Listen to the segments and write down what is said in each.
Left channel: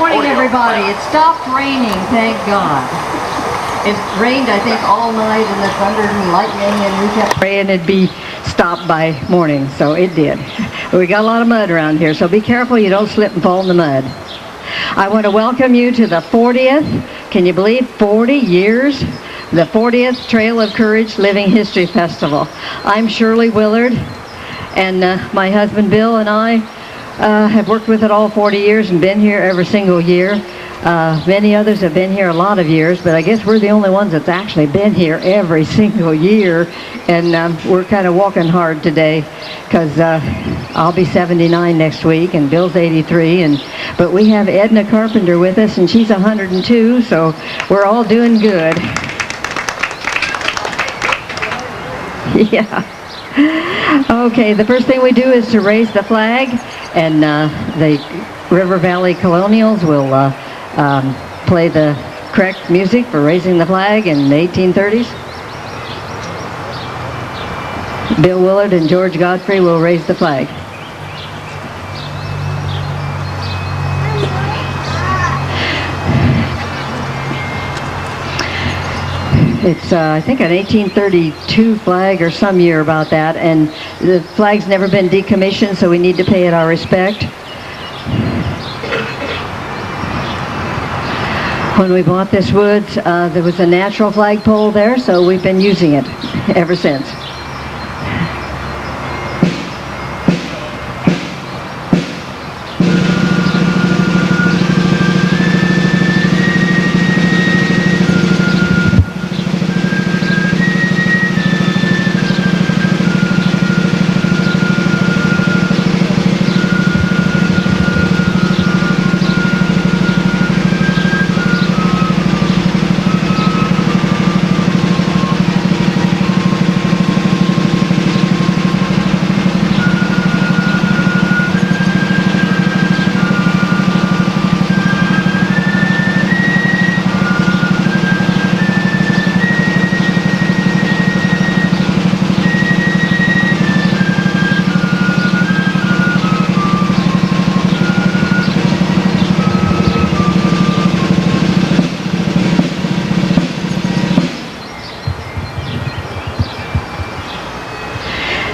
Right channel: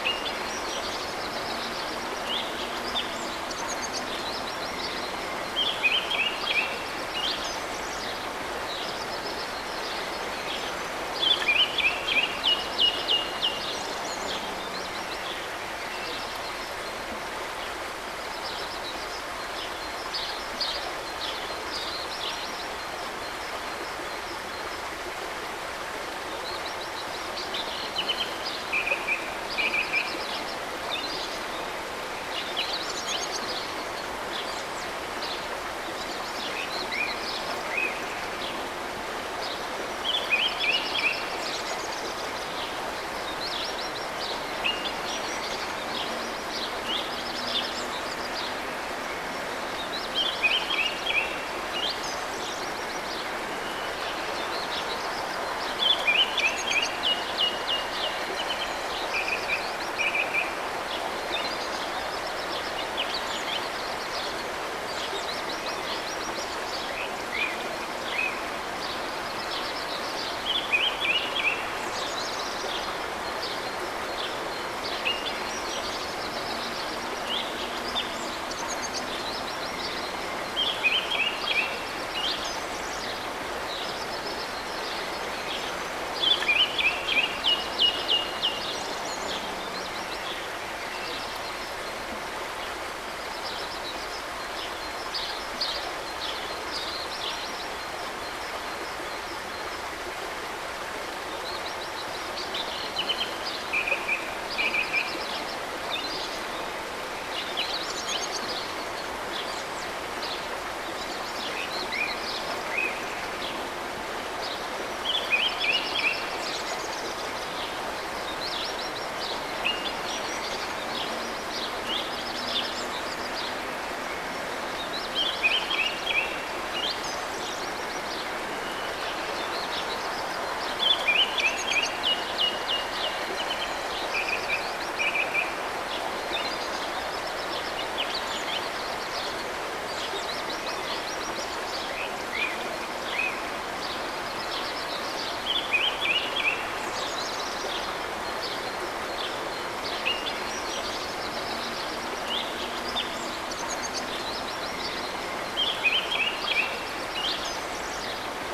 morning, everybody. It stopped raining, thank God. It rained, I think, all night, and the thunder and lightning, and we kept praying it'd be stopped by morning, so it did. We got a lot of mud around here, so be careful you don't slip and fall in the mud. I want to welcome you to the 40th, can you believe 40 years? The 40th Trail of Courage Living History Festival. I'm Shirley Willard, and my husband Bill and I have worked with it all 40 years and been here every single year. Many others have been here a lot of years, but I guess we're the only ones that's actually been here every single year, and we're kind of walking hard today because I'll be 79 next week and Bill's 83, but we have Edna Carpenter with us, and she's 102, so we're all doing good. Yeah. Okay, the first thing we do is to raise the flag, and the River Valley Colonials will play the correct music for raising the flag in the 1830s. Bill Willard and George Godfrey will raise the flag. It's, I think, an 1832 flag or some year about that, and the flag's never been decommissioned, so we need to pay it our respect. When we bought this woods, there was a natural flagpole there, so we've been using it ever since.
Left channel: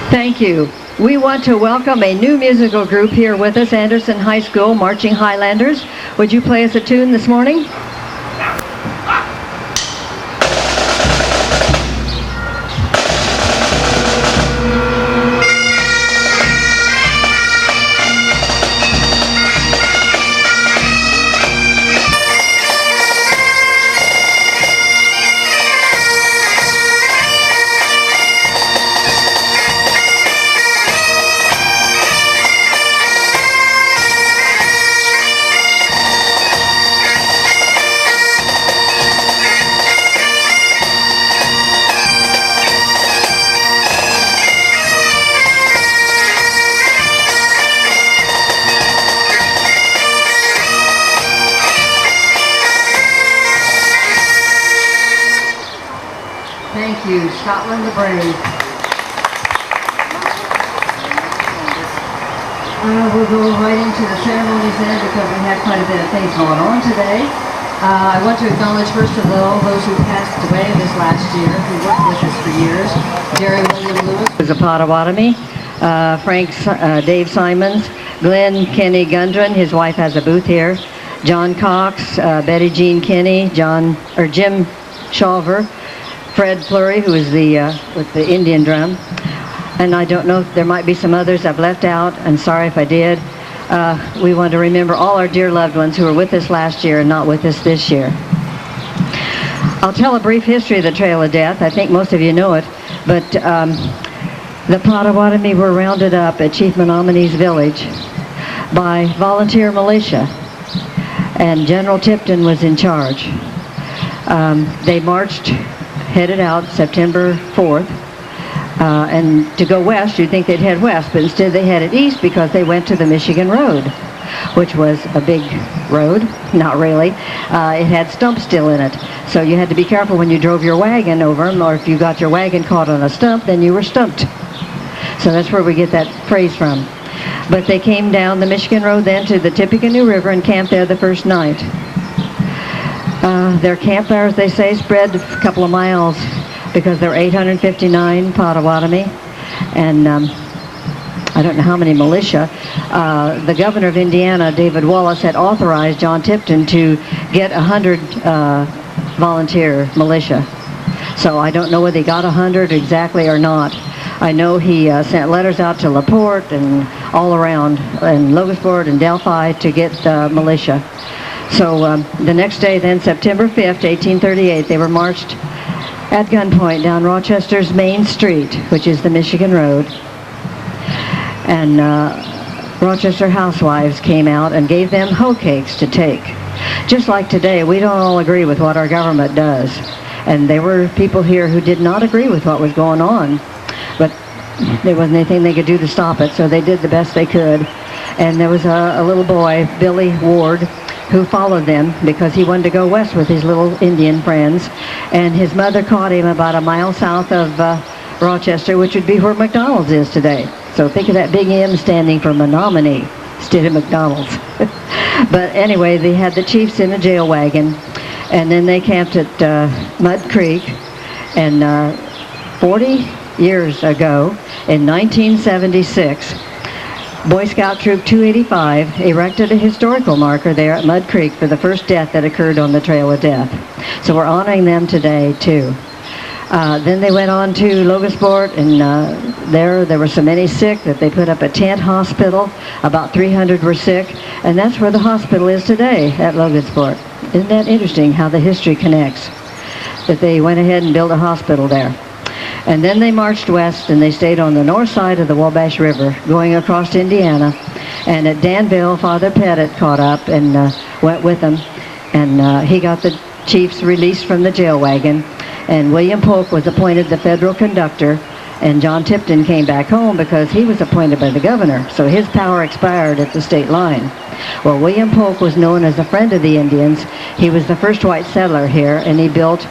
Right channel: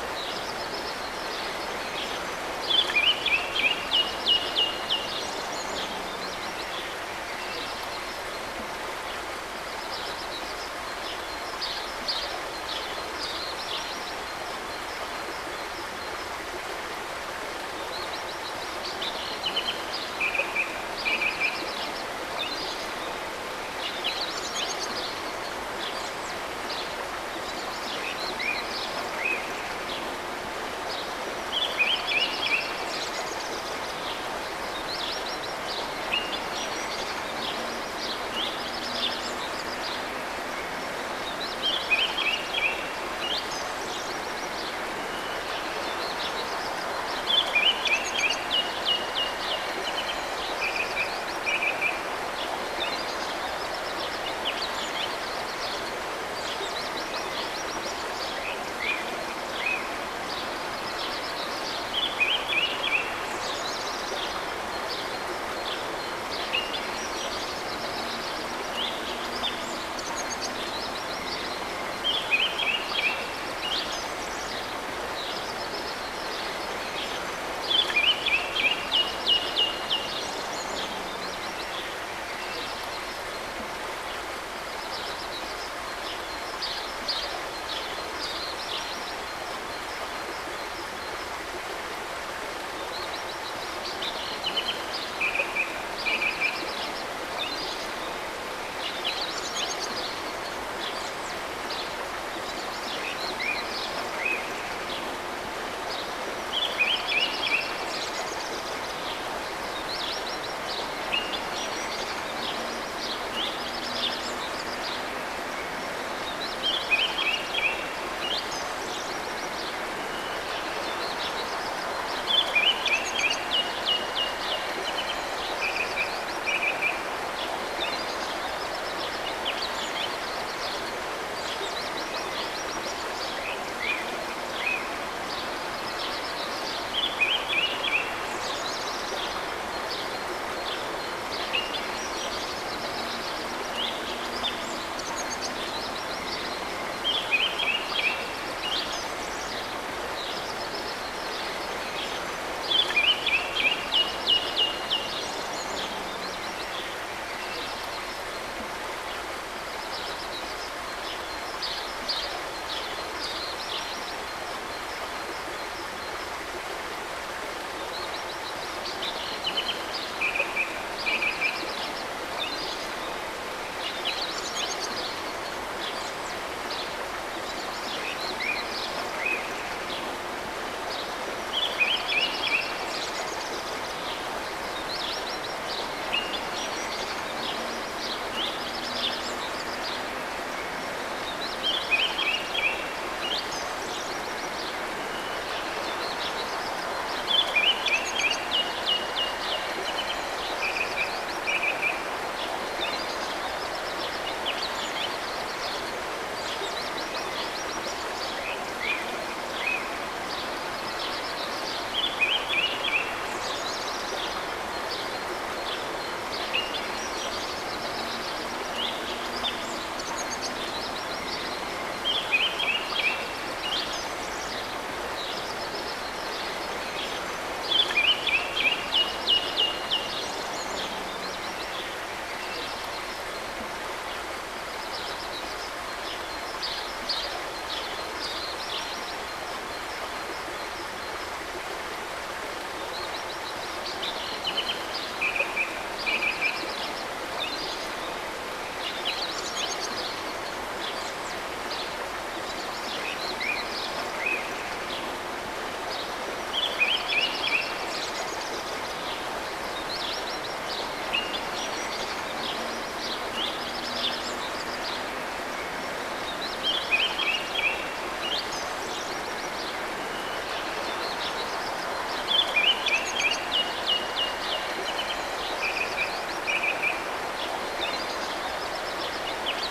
Thank you. We want to welcome a new musical group here with us, Anderson High School Marching Highlanders. Would you play us a tune this morning? Thank you, Scotland the Brave. We'll go right into the ceremonies then because we had quite a bit of things going on today. I want to acknowledge first of all those who passed away this last year, who worked with us for years. Jerry William Lewis is a Potawatomi. Dave Simons, Glenn Kenny Gundren, his wife has a booth here. John Cox, Betty Jean Kinney, Jim Shawver, Fred Flurry, who is with the Indian drum. And I don't know, there might be some others I've left out, and sorry if I did. We want to remember all our dear loved ones who were with us last year and not with us this year. I'll tell a brief history of the Trail of Death. I think most of you know it, but the Potawatomi were rounded up at Chief Menominee's village by volunteer militia, and General Tipton was in charge. They marched, headed out September 4th, and to go west, you'd think they'd head west, but instead they headed east because they went to the Michigan Road, which was a big road. Not really. It had stumps still in it, so you had to be careful when you drove your wagon over them, or if you got your wagon caught on a stump, then you were stumped. So that's where we get that phrase from. But they came down the Michigan Road then to the Tippecanoe River and camped there the first night. Their campfires, they say, spread a couple of miles because there were 859 Potawatomi and I don't know how many militia. The governor of Indiana, David Wallace, had authorized John Tipton to get 100 volunteer militia. So I don't know whether he got 100 exactly or not. I know he sent letters out to LaPorte and all around, and Logansport and Delphi to get militia. So the next day then, September 5th, 1838, they were marched at gunpoint down Rochester's Main Street, which is the Michigan Road. And Rochester housewives came out and gave them hoe cakes to take. Just like today, we don't all agree with what our government does. And there were people here who did not agree with what was going on. But there wasn't anything they could do to stop it, so they did the best they could. And there was a little boy, Billy Ward, who followed them because he wanted to go west with his little Indian friends. And his mother caught him about a mile south of Rochester, which would be where McDonald's is today. So think of that big M standing for Menominee instead of McDonald's. But anyway, they had the chiefs in a jail wagon, and then they camped at Mud Creek. And 40 years ago, in 1976, Boy Scout Troop 285 erected a historical marker there at Mud Creek for the first death that occurred on the Trail of Death. So we're honoring them today, too. Then they went on to Logansport, and there were so many sick that they put up a tent hospital. About 300 were sick, and that's where the hospital is today at Logansport. Isn't that interesting how the history connects? That they went ahead and built a hospital there. And then they marched west, and they stayed on the north side of the Wabash River, going across to Indiana. And at Danville, Father Pettit caught up and went with them. And he got the chiefs released from the jail wagon. And William Polk was appointed the federal conductor. And John Tipton came back home because he was appointed by the governor. So his power expired at the state line. Well, William Polk was known as a friend of the Indians. He was the first white settler here, and he built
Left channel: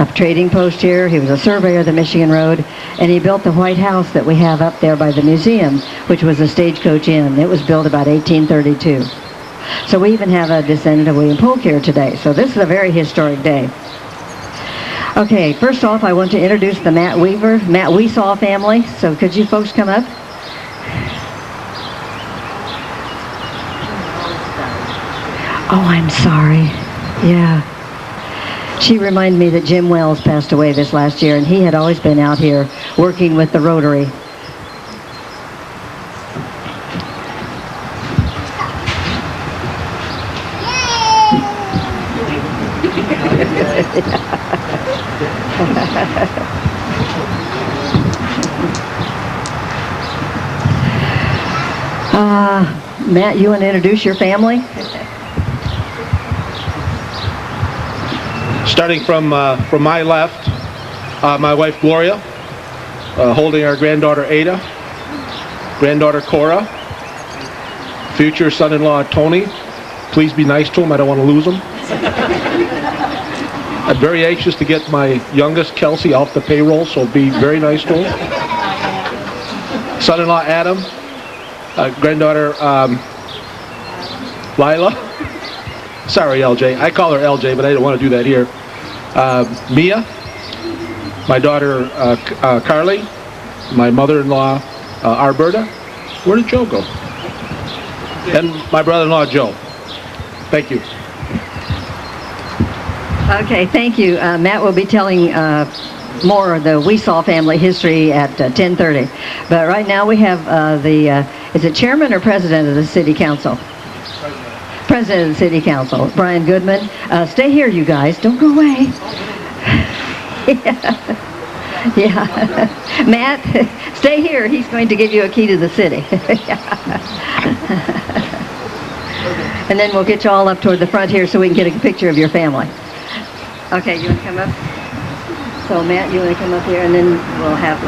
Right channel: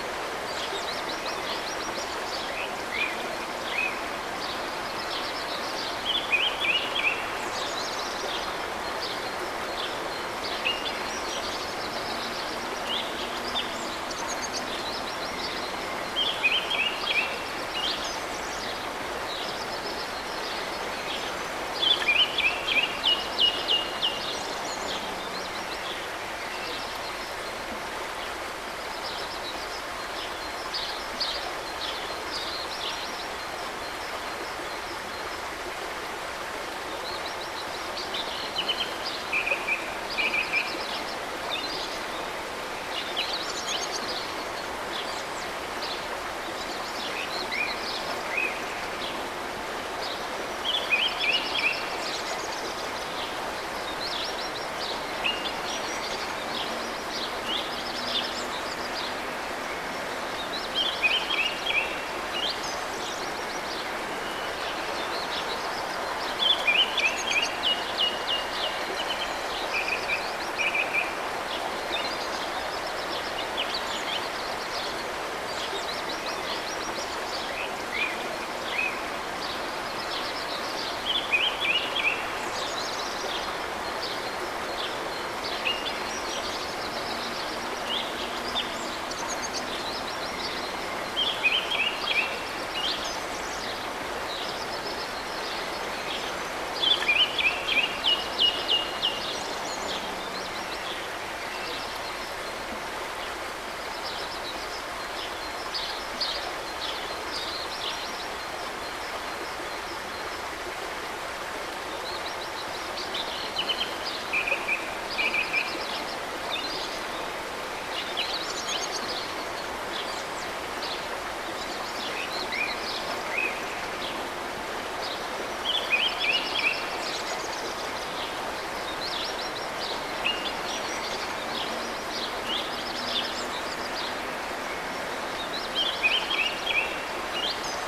a trading post here. He was a surveyor of the Michigan Road, and he built the White House that we have up there by the museum, which was a stagecoach inn. It was built about 1832. So we even have a descendant of William Polk here today. So this is a very historic day. Okay, first off, I want to introduce the Matt Weesaw family. So could you folks come up? Oh, I'm sorry. Yeah. She reminded me that Jim Wells passed away this last year, and he had always been out here working with the Rotary. Matt, you want to introduce your family? Starting from my left, my wife Gloria, holding our granddaughter Ada, granddaughter Cora, future son-in-law Tony. Please be nice to him, I don't want to lose him. I'm very anxious to get my youngest Kelsey off the payroll, so be very nice to him. Son-in-law Adam, granddaughter Lila. Sorry, LJ. I call her LJ, but I didn't want to do that here. Mia, my daughter Carly, my mother-in-law Alberta. Where did Joe go? And my brother-in-law Joe. Thank you. Okay, thank you. Matt will be telling more of the Weesaw family history at 10:30. But right now we have is it chairman or president of the city council? President of the City Council, Brian Goodman. Stay here, you guys. Don't go away. Yeah. Matt, stay here. He's going to give you a key to the city. And then we'll get you all up toward the front here so we can get a picture of your family. Okay, you want to come up? So, Matt, you want to come up here, and then we'll have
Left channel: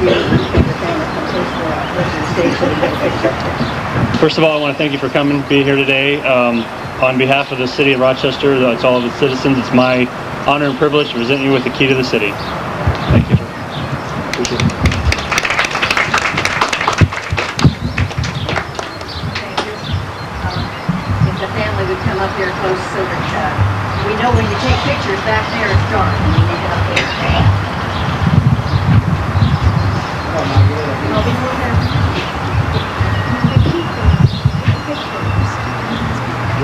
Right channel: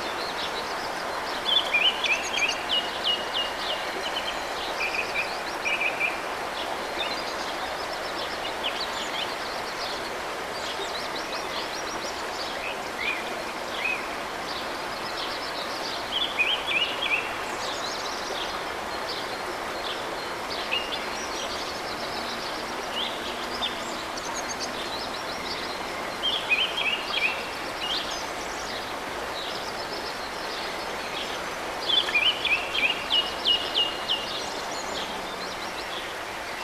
you take the camera from stage so we get a picture. First of all, I want to thank you for coming, being here today. On behalf of the city of Rochester, that's all of its citizens, it's my honor and privilege to present you with the key to the city. Thank you. Appreciate it. come up here close so that we know when you take pictures back there it's dark when you look up there. I'll be more happy.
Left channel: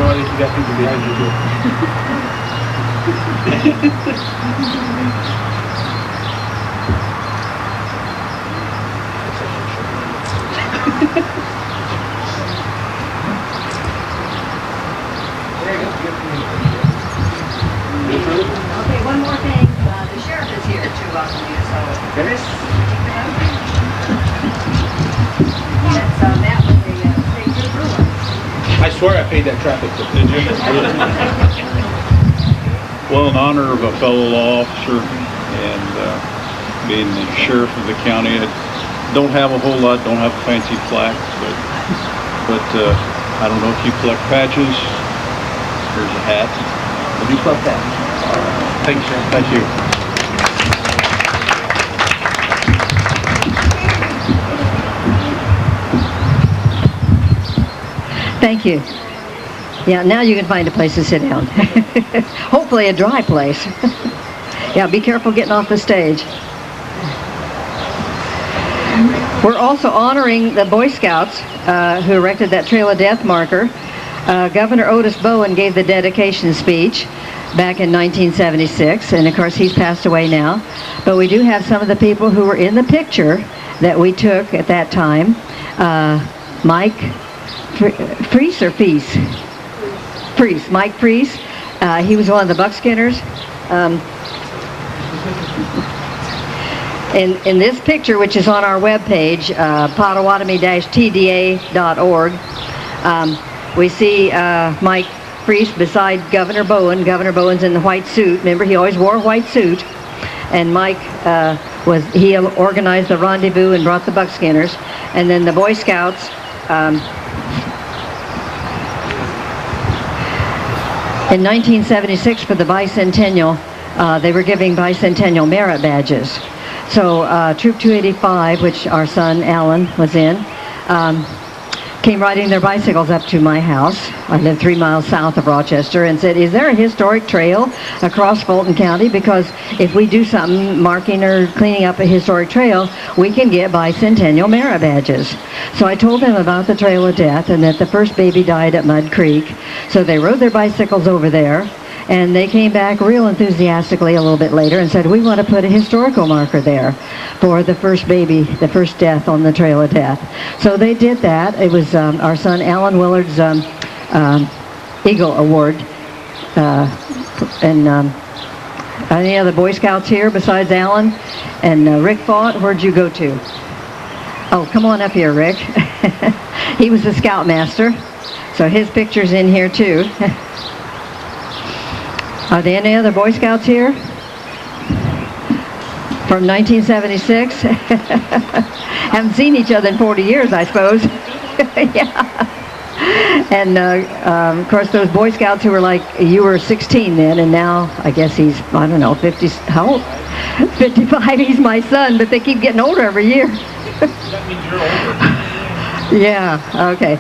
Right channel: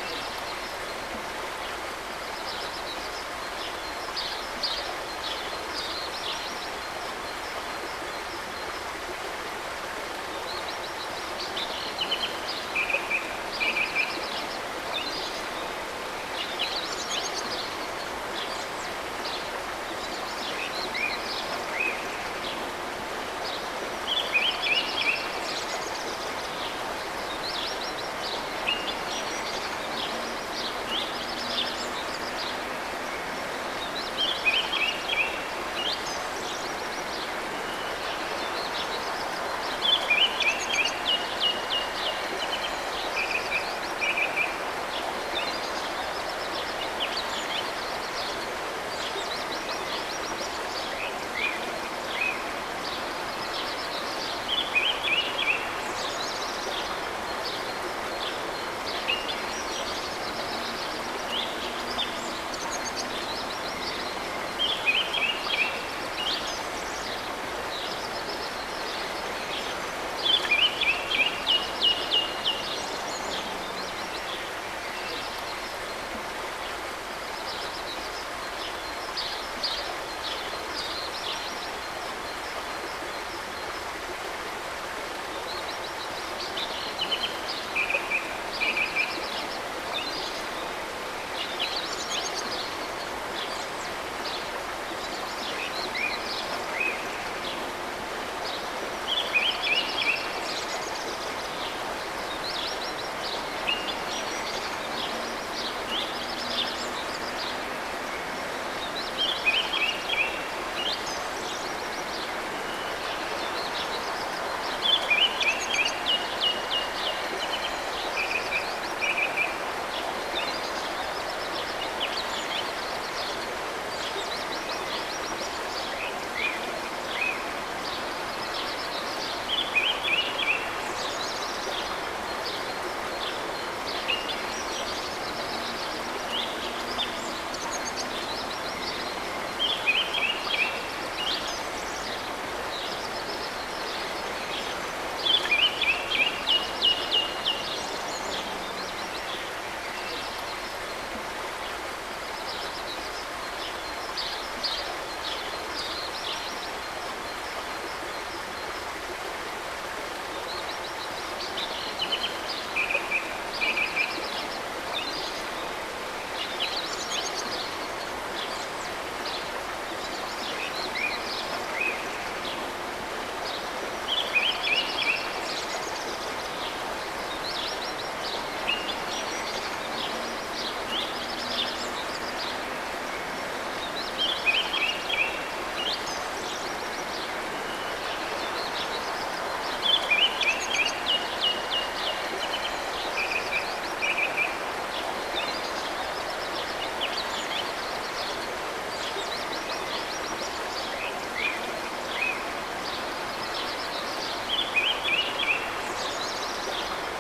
Roy, you got people behind you here. Okay, one more thing. The sheriff is here to welcome you, so Chris, yes, that was the state trooper. I swear I paid that traffic ticket. Did you? Well, in honor of a fellow law officer and being the sheriff of the county, I don't have a whole lot, don't have a fancy plaque, but I don't know if you collect patches. Here's a hat. I do love that. Thanks, Sheriff. Thank you. Thank you. Yeah, now you can find a place to sit down. Hopefully a dry place. Yeah, be careful getting off the stage. We're also honoring the Boy Scouts who erected that Trail of Death marker. Governor Otis Bowen gave the dedication speech back in 1976, and of course he's passed away now. But we do have some of the people who were in the picture that we took at that time. Mike Freese or Feese? Freese, Mike Freese. He was one of the buckskinners. In this picture, which is on our webpage, Potawatomi-tda.org, we see Mike Freese beside Governor Bowen. Governor Bowen's in the white suit. Remember, he always wore a white suit. And Mike he organized the rendezvous and brought the buckskinners. And then the Boy Scouts, in 1976 for the bicentennial, they were giving bicentennial merit badges. So Troop 285, which our son Alan was in, came riding their bicycles up to my house. I live 3 miles south of Rochester, and said, is there a historic trail across Fulton County? Because if we do something marking or cleaning up a historic trail, we can get bicentennial merit badges. So I told them about the Trail of Death and that the first baby died at Mud Creek. So they rode their bicycles over there, and they came back real enthusiastically a little bit later and said, we want to put a historical marker there for the first baby, the first death on the Trail of Death. So they did that. It was our son Alan Willard's Eagle Award. And any other Boy Scouts here besides Alan? And Rick Fought, where'd you go to? Oh, come on up here, Rick. He was the Scoutmaster. So his picture's in here too. Are there any other Boy Scouts here? From 1976? Haven't seen each other in 40 years, I suppose. Yeah. And of course, those Boy Scouts who were like, you were 16 then, and now I guess he's, I don't know, 50, how old? 55, he's my son, but they keep getting older every year. That means you're older. Yeah, okay.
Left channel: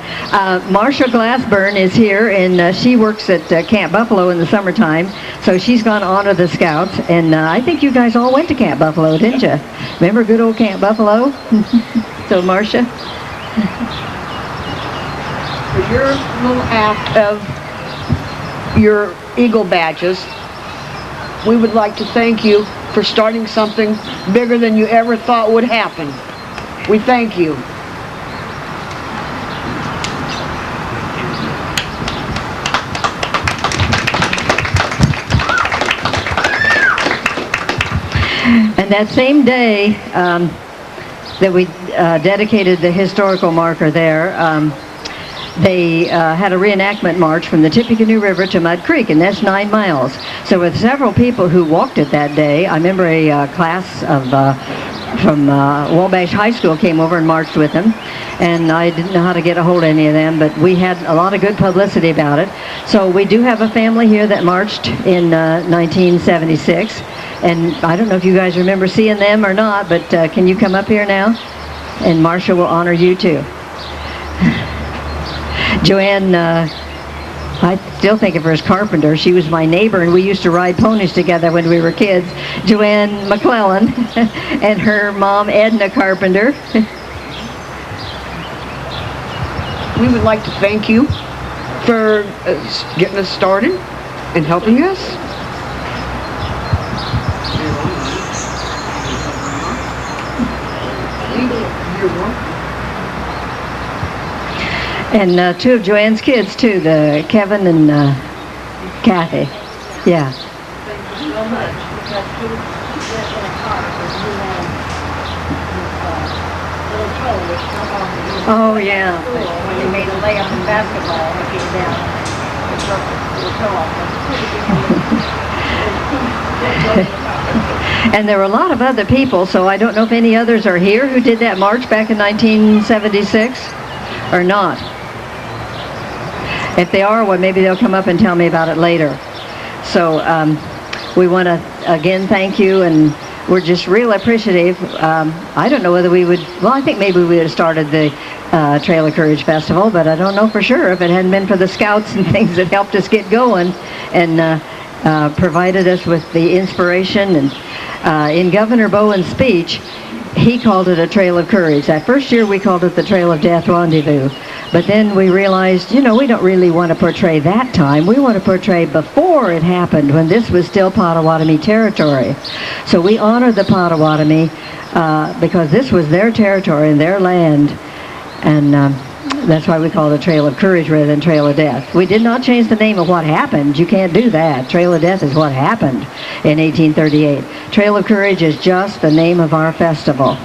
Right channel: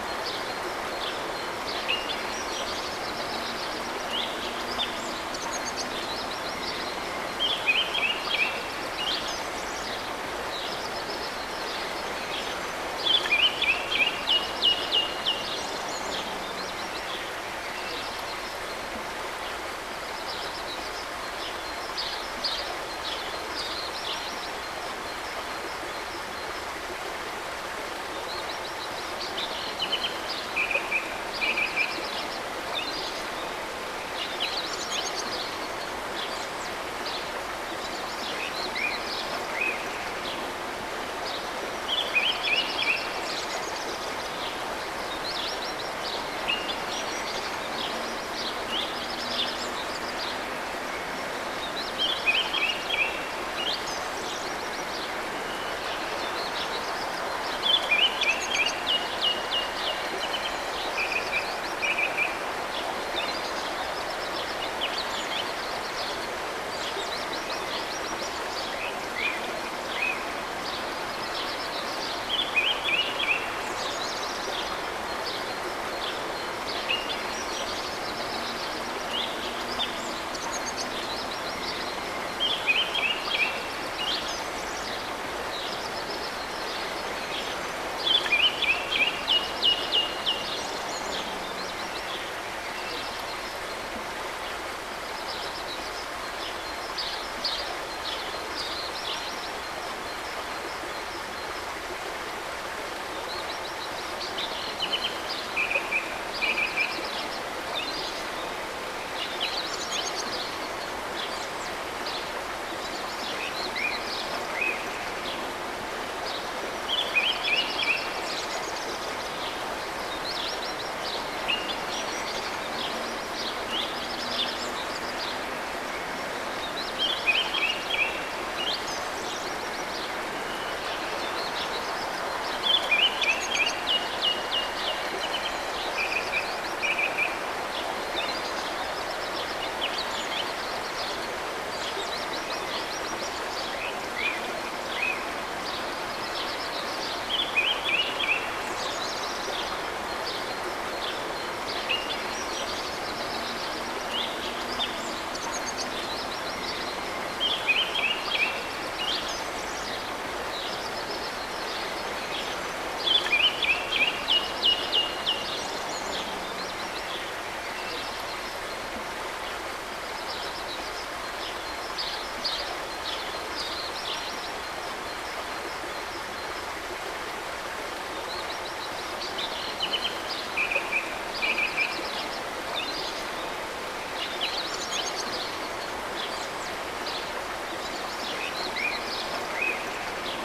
Marsha Glassburn is here, and she works at Camp Buffalo in the summertime, so she's going to honor the Scouts. And I think you guys all went to Camp Buffalo, didn't you? Remember good old Camp Buffalo? So, Marsha? For your little act of your Eagle badges, we would like to thank you for starting something bigger than you ever thought would happen. We thank you. And that same day that we dedicated the historical marker there, they had a reenactment march from the Tippecanoe River to Mud Creek, and that's 9 miles. So with several people who walked it that day, I remember a class of from Wabash High School came over and marched with them, and I didn't know how to get a hold of any of them, but we had a lot of good publicity about it. So we do have a family here that marched in 1976, and I don't know if you guys remember seeing them or not, but can you come up here now? And Marsha will honor you too. Joanne I still think of her as Carpenter. She was my neighbor, and we used to ride ponies together when we were kids. Joanne McClellan and her mom, Edna Carpenter. We would like to thank you for getting us started and helping us. And two of Joanne's kids, too, the Kevin and Kathy. Yeah. Oh, yeah. When you made a layup in basketball, and there were a lot of other people, so I don't know if any others are here who did that march back in 1976 or not. If they are, well, maybe they'll come up and tell me about it later. So we want to, again, thank you, and we're just real appreciative. I don't know whether we would, well, I think maybe we would have started the Trail of Courage Festival, but I don't know for sure if it hadn't been for the scouts and things that helped us get going and provided us with the inspiration. And in Governor Bowen's speech, he called it a Trail of Courage. That first year we called it the Trail of Death Rendezvous. But then we realized, you know, we don't really want to portray that time. We want to portray before it happened, when this was still Potawatomi territory. So we honor the Potawatomi because this was their territory and their land. And that's why we call it a Trail of Courage rather than Trail of Death. We did not change the name of what happened. You can't do that. Trail of Death is what happened in 1838. Trail of Courage is just the name of our festival.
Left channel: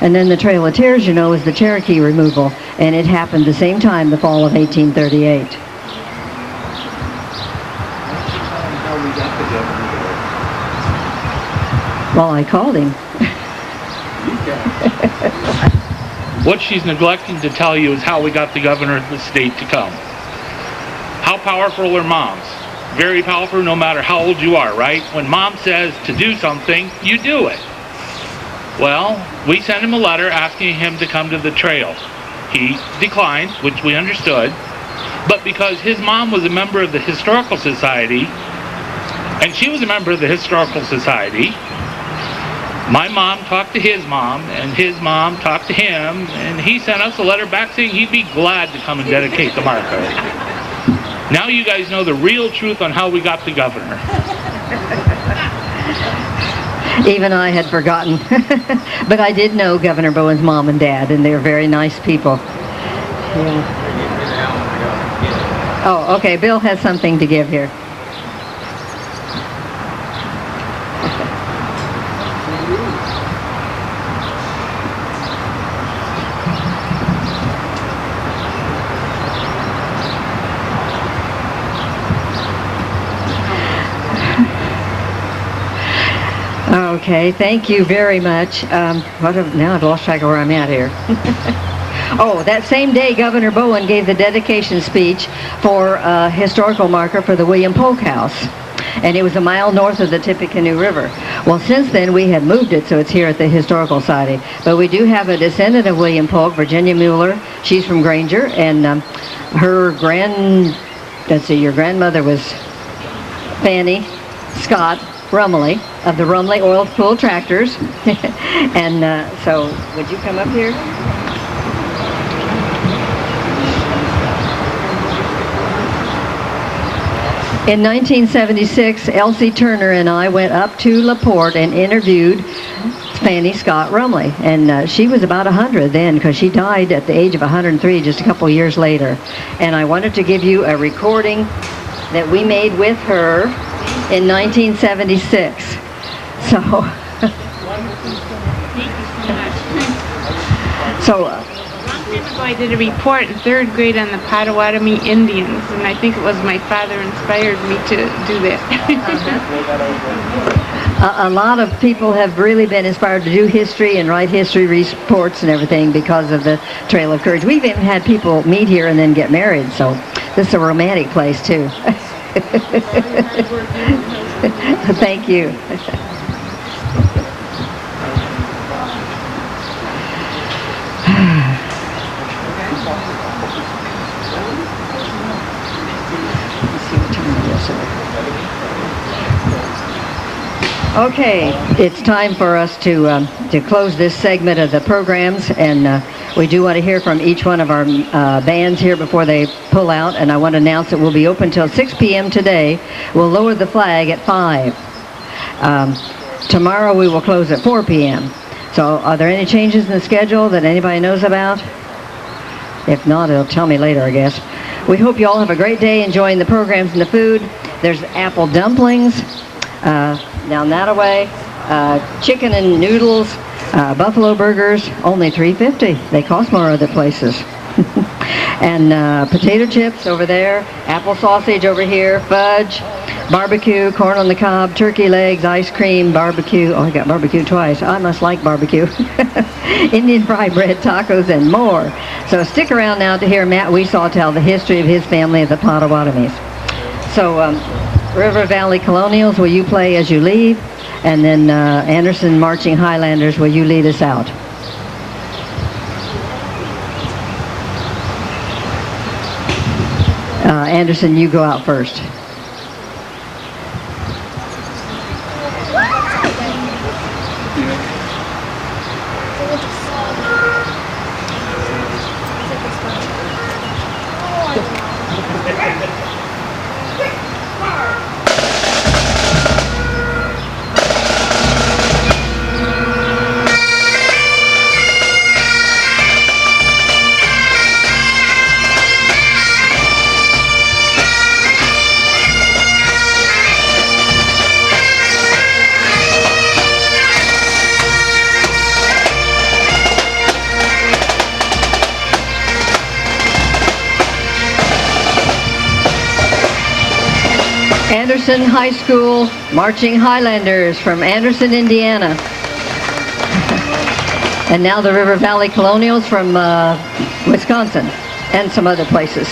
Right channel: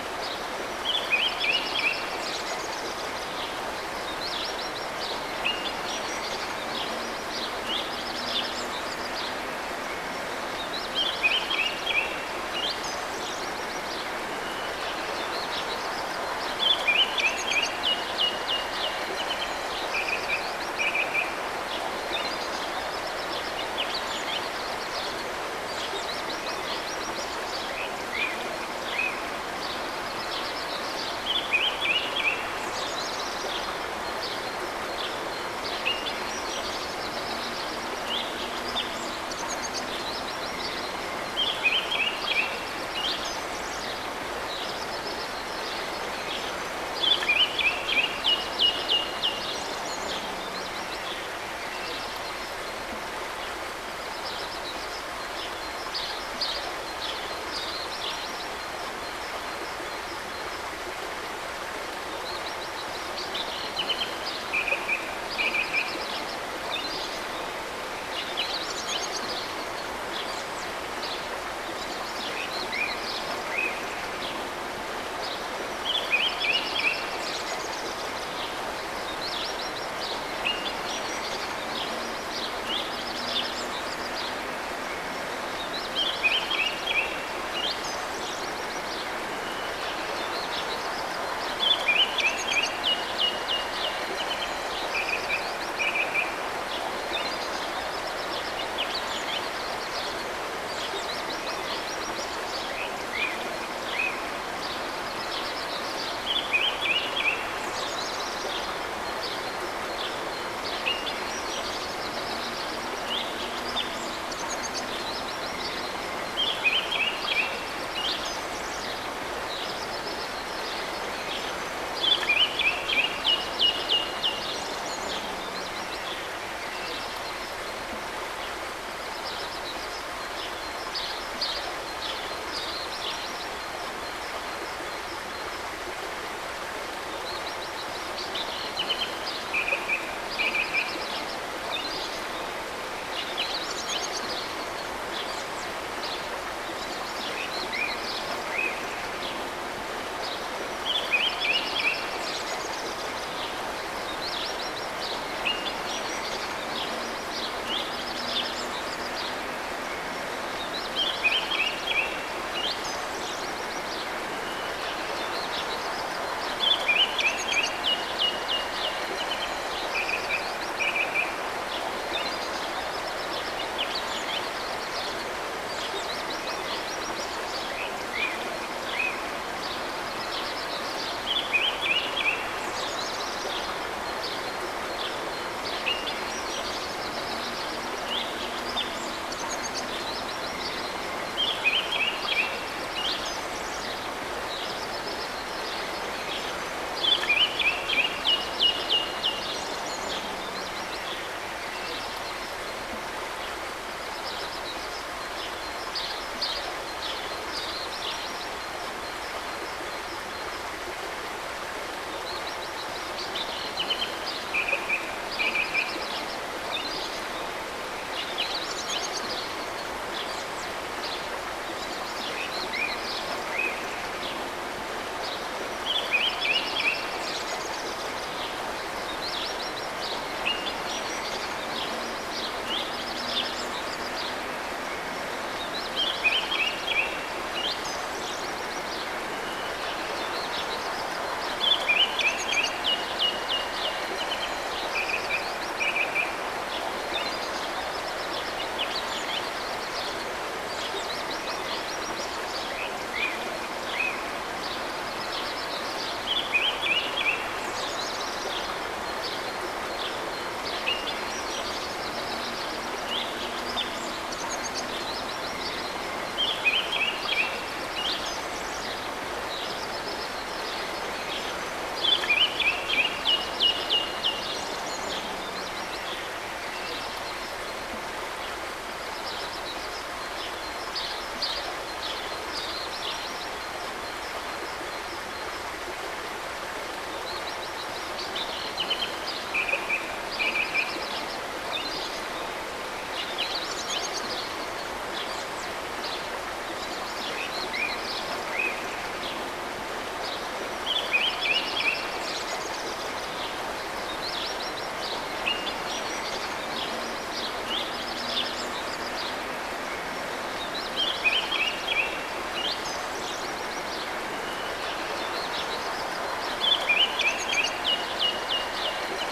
And then the Trail of Tears, you know, is the Cherokee removal, and it happened the same time, the fall of 1838. Well, I called him. What she's neglecting to tell you is how we got the governor of the state to come. How powerful are moms? Very powerful no matter how old you are, right? When mom says to do something, you do it. Well, we sent him a letter asking him to come to the trail. He declined, which we understood, but because his mom was a member of the Historical Society, and she was a member of the Historical Society, my mom talked to his mom, and his mom talked to him, and he sent us a letter back saying he'd be glad to come and dedicate the marker. Now you guys know the real truth on how we got the governor. Even I had forgotten. But I did know Governor Bowen's mom and dad, and they're very nice people. Yeah. Oh, okay, Bill has something to give here. Okay, thank you very much. Now I've lost track of where I'm at here. Oh, that same day, Governor Bowen gave the dedication speech for a historical marker for the William Polk House. And it was a mile north of the Tippecanoe River. Well, since then, we have moved it, so it's here at the Historical Society. But we do have a descendant of William Polk, Virginia Mueller. She's from Granger, and your grandmother was Fanny Scott Rumley of the Rumley Oil Pool Tractors. And so, would you come up here? In 1976, Elsie Turner and I went up to LaPorte and interviewed Fanny Scott Rumley. And she was about 100 then, because she died at the age of 103 just a couple years later. And I wanted to give you a recording that we made with her in 1976. I did a report in third grade on the Potawatomi Indians, and I think it was my father inspired me to do that. A lot of people have really been inspired to do history and write history reports and everything because of the Trail of Courage. We've even had people meet here and then get married, so this is a romantic place too. Thank you. Okay, it's time for us to close this segment of the programs, and we do want to hear from each one of our bands here before they pull out, and I want to announce that we'll be open till 6 p.m. today. We'll lower the flag at 5. Tomorrow we will close at 4 p.m. So are there any changes in the schedule that anybody knows about? If not, it'll tell me later, I guess. We hope you all have a great day enjoying the programs and the food. There's apple dumplings down that way, chicken and noodles, buffalo burgers, only $3.50. They cost more other places. And potato chips over there, apple sausage over here, fudge, barbecue, corn on the cob, turkey legs, ice cream, barbecue. Oh, I got barbecue twice. I must like barbecue. Indian fried bread, tacos, and more. So stick around now to hear Matt Weesaw tell the history of his family of the Potawatomis. So River Valley Colonials, will you play as you leave? And then Anderson Marching Highlanders, will you lead us out? Anderson, you go out first. Anderson High School Marching Highlanders from Anderson, Indiana. And now the River Valley Colonials from Wisconsin and some other places.